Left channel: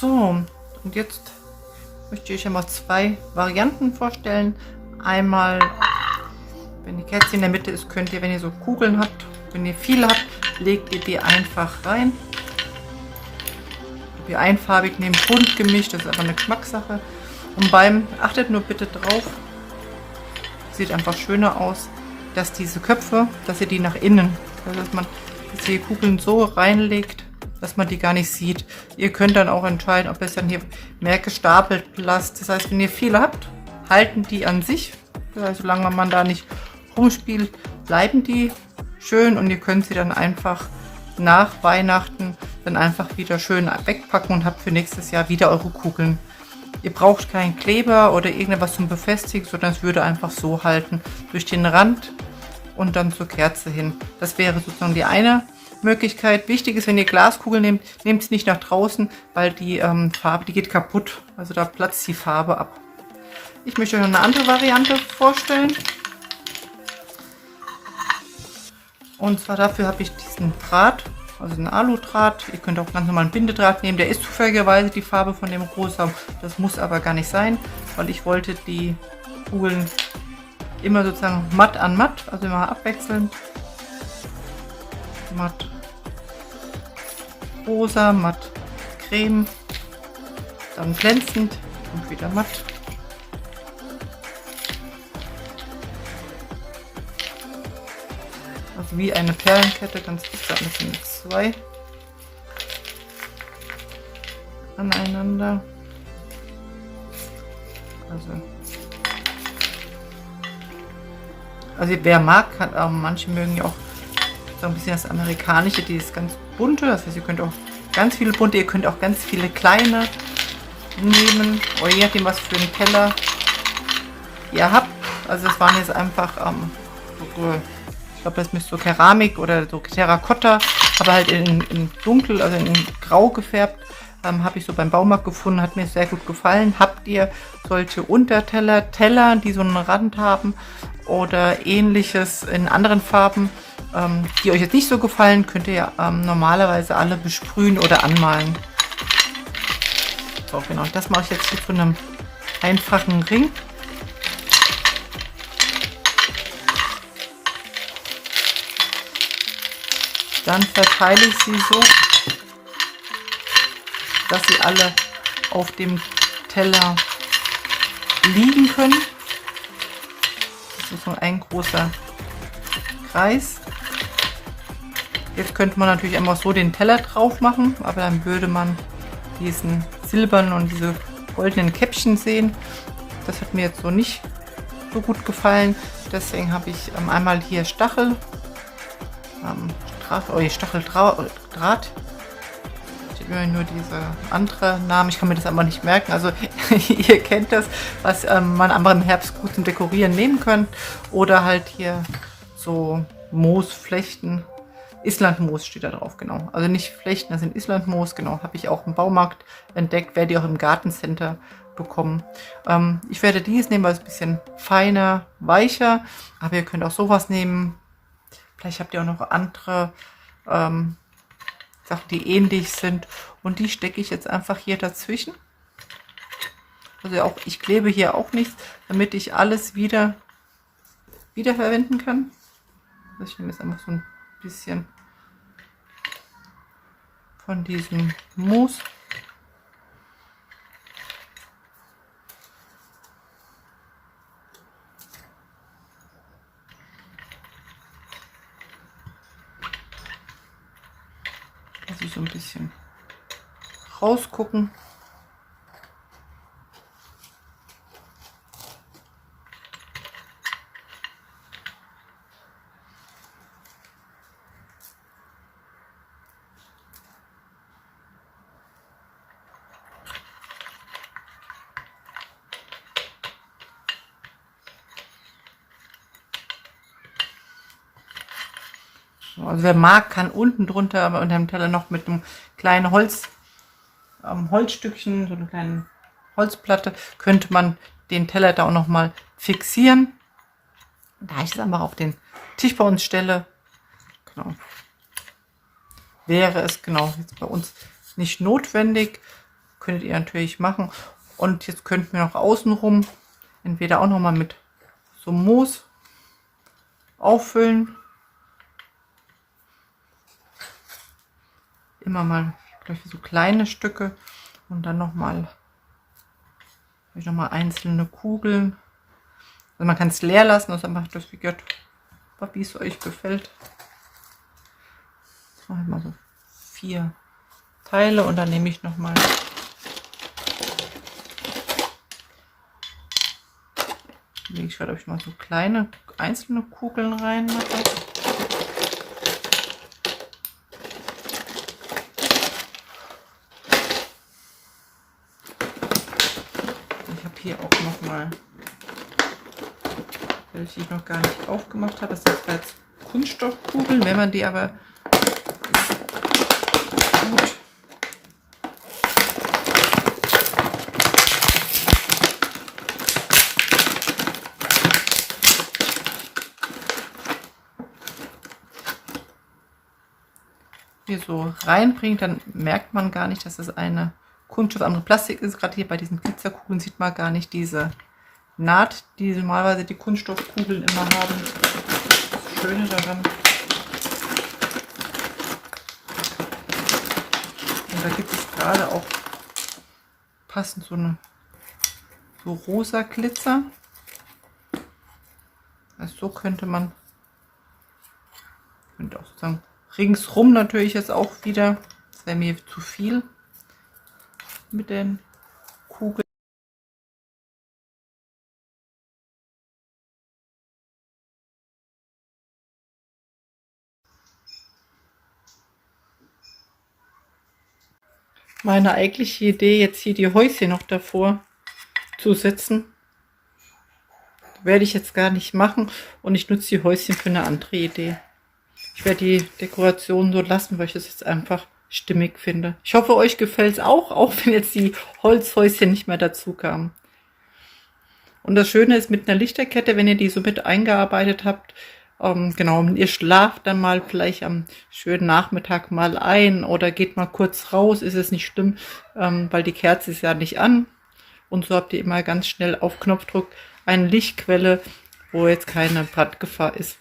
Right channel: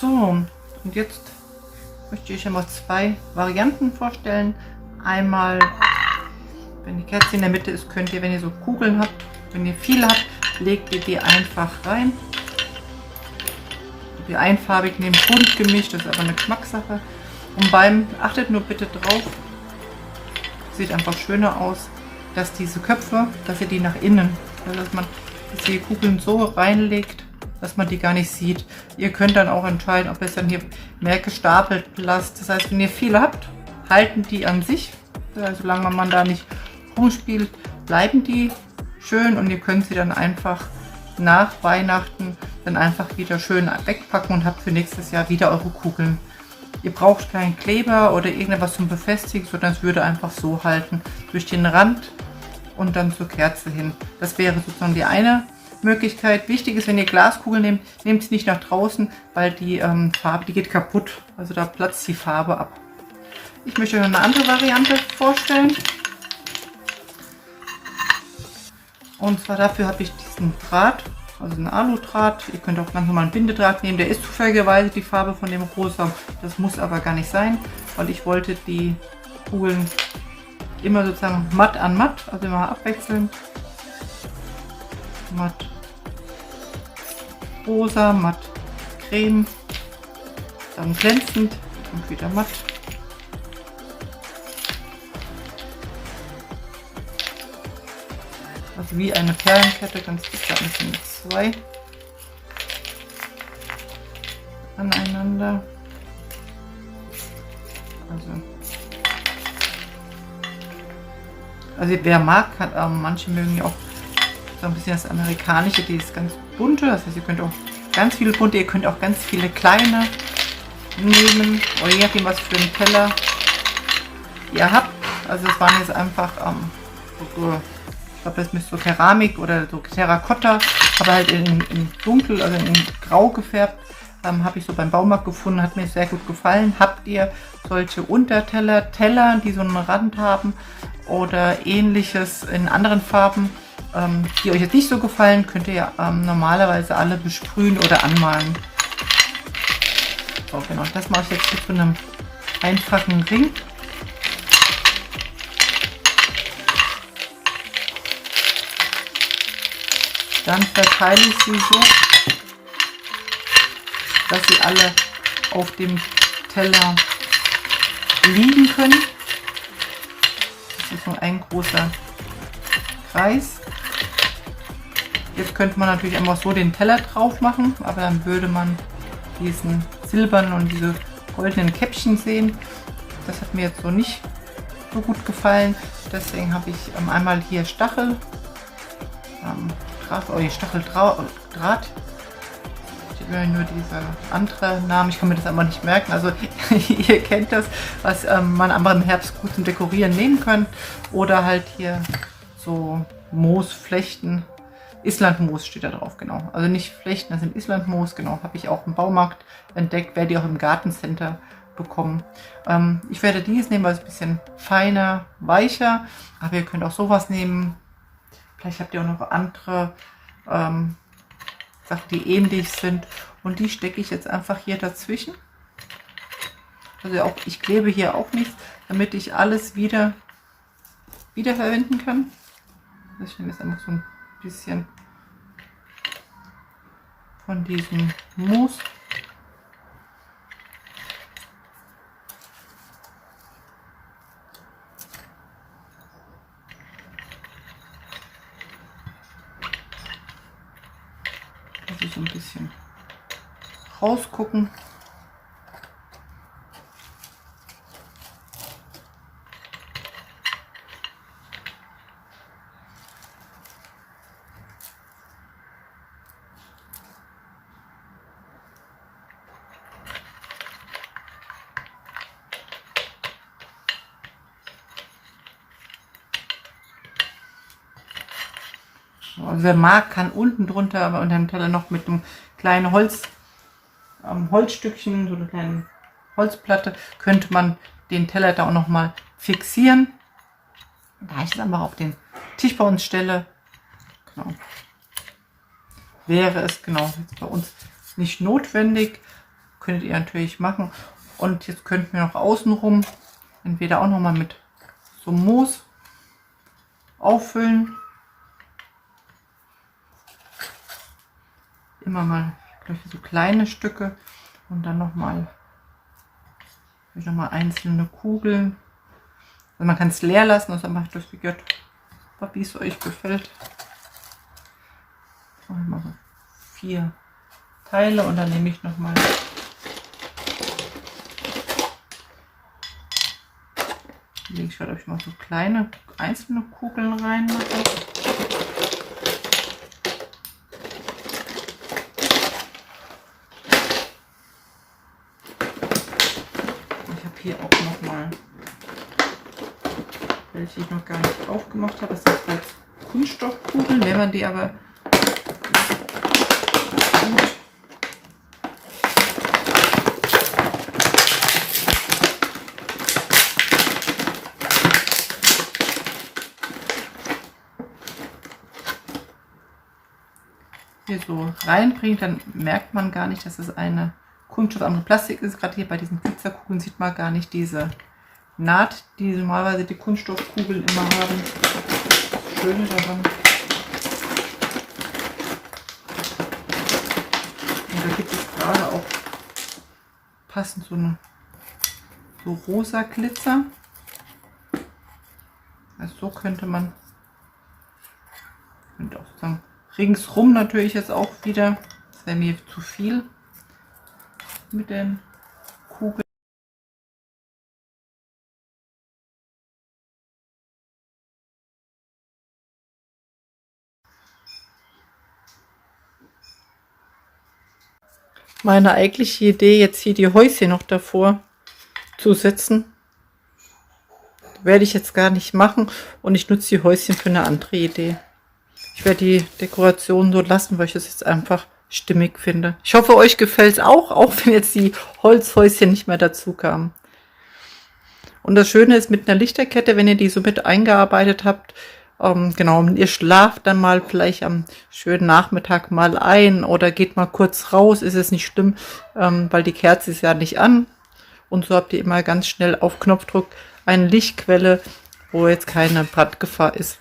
So, und jetzt möchte ich euch einmal zwei Varianten vorstellen. Einmal, wenn die Kerze in der Mitte ist, könnt ihr, wenn ihr so Kugeln habt, wenn ihr viele habt, legt ihr die einfach rein. Die einfarbig nehmt, bunt gemischt, das ist aber eine Geschmackssache. Und achtet nur bitte drauf, sieht einfach schöner aus, dass diese Köpfe, dass ihr die nach innen, dass ihr die Kugeln so reinlegt, dass man die gar nicht sieht. Ihr könnt dann auch entscheiden, ob ihr es dann hier mehr gestapelt lasst. Das heißt, wenn ihr viele habt, halten die an sich. Solange man da nicht rumspielt, bleiben die schön und ihr könnt sie dann einfach nach Weihnachten dann einfach wieder schön wegpacken und habt für nächstes Jahr wieder eure Kugeln. Ihr braucht keinen Kleber oder irgendetwas zum Befestigen, sondern es würde einfach so halten durch den Rand und dann zur Kerze hin. Das wäre sozusagen die eine Möglichkeit. Wichtig ist, wenn ihr Glaskugeln nehmt, nehmt es nicht nach draußen, weil die Farbe, die geht kaputt. Also da platzt die Farbe ab. Ich möchte euch eine andere Variante vorstellen. Und zwar dafür habe ich diesen Draht, also einen Aludraht. Ihr könnt auch ganz normal einen Bindedraht nehmen. Der ist zufälligerweise die Farbe von dem Rosa. Das muss aber gar nicht sein, weil ich wollte die Kugeln immer sozusagen matt an matt, also immer abwechselnd. Matt rosa, matt creme, dann glänzend und wieder matt. Also wie eine Perlenkette, ganz dick, da sind zwei aneinander. Also wer mag, kann, manche mögen ja auch so ein bisschen das amerikanische, dieses ganz bunte. Das heißt, ihr könnt auch ganz viele bunte, ihr könnt auch ganz viele kleine nehmen, oder je nachdem, was für einen Teller ihr habt. Also es waren jetzt einfach ich glaube, das müsste so Keramik oder so Terrakotta, aber halt in dunkel, also in grau gefärbt. Habe ich so beim Baumarkt gefunden, hat mir sehr gut gefallen. Habt ihr solche Unterteller, Teller, die so einen Rand haben oder ähnliches in anderen Farben, die euch jetzt nicht so gefallen, könnt ihr ja normalerweise alle besprühen oder anmalen. So, genau, das mache ich jetzt hier zu einem einfachen Ring. Dann verteile ich sie so, dass sie alle auf dem Teller liegen können. Das ist so ein großer Kreis. Jetzt könnte man natürlich einfach so den Teller drauf machen, aber dann würde man diesen silbernen und diese goldenen Käppchen sehen. Das hat mir jetzt so nicht so gut gefallen. Deswegen habe ich einmal hier Stacheldraht. Steht mir nur diese andere Namen. Ich kann mir das aber nicht merken. Also ihr kennt das, was man aber im Herbst gut zum Dekorieren nehmen könnt. Oder halt hier so Moosflechten. Islandmoos steht da drauf, genau. Also nicht Flechten, das sind Islandmoos, genau. Habe ich auch im Baumarkt entdeckt, werde ich auch im Gartencenter bekommen. Ich werde dieses nehmen, weil es ein bisschen feiner, weicher. Aber ihr könnt auch sowas nehmen. Vielleicht habt ihr auch noch andere Sachen, die ähnlich sind. Und die stecke ich jetzt einfach hier dazwischen. Also auch, ich klebe hier auch nichts, damit ich alles wieder verwenden kann. Also ich nehme jetzt einfach so ein bisschen von diesem Moos. Also so ein bisschen rausgucken. Also wer mag, kann unten drunter unter dem Teller noch mit einem kleinen Holzstückchen, so eine kleine Holzplatte, könnte man den Teller da auch noch mal fixieren. Da ich es einfach auf den Tisch bei uns stelle, genau, wäre es genau jetzt bei uns nicht notwendig. könntet ihr natürlich machen. Und jetzt könnten wir noch außenrum entweder auch noch mal mit so Moos auffüllen. Immer mal so kleine Stücke und dann noch mal einzelne Kugeln. Also man kann es leer lassen, das einfach durchgeführt, wie es euch gefällt. Jetzt mache ich mal so 4 Teile und dann nehme ich noch mal lege ich gerade mal so kleine einzelne Kugeln rein. Ich habe hier auch noch mal welche ich noch gar nicht aufgemacht habe. Das sind jetzt Kunststoffkugeln, wenn man die aber gut hier so reinbringt, dann merkt man gar nicht, dass es eine Kunststoff, andere Plastik ist. Gerade hier bei diesen Pizzakugeln sieht man gar nicht diese Naht, die normalerweise die Kunststoffkugeln immer haben. Das Schöne daran. Und da gibt es gerade auch passend so rosa Glitzer. Also so könnte man auch sozusagen ringsrum natürlich jetzt auch wieder. Das wäre mir zu viel mit den Kugeln. Meine eigentliche Idee, jetzt hier die Häuschen noch davor zu setzen, werde ich jetzt gar nicht machen und ich nutze die Häuschen für eine andere Idee. Ich werde die Dekoration so lassen, weil ich das jetzt einfach stimmig finde. Ich hoffe, euch gefällt es auch wenn jetzt die Holzhäuschen nicht mehr dazu kamen. Und das Schöne ist mit einer Lichterkette, wenn ihr die so mit eingearbeitet habt, genau, ihr schlaft dann mal vielleicht am schönen Nachmittag mal ein oder geht mal kurz raus, ist es nicht schlimm, weil die Kerze ist ja nicht an. Und so habt ihr immer ganz schnell auf Knopfdruck eine Lichtquelle, wo jetzt keine Brandgefahr ist.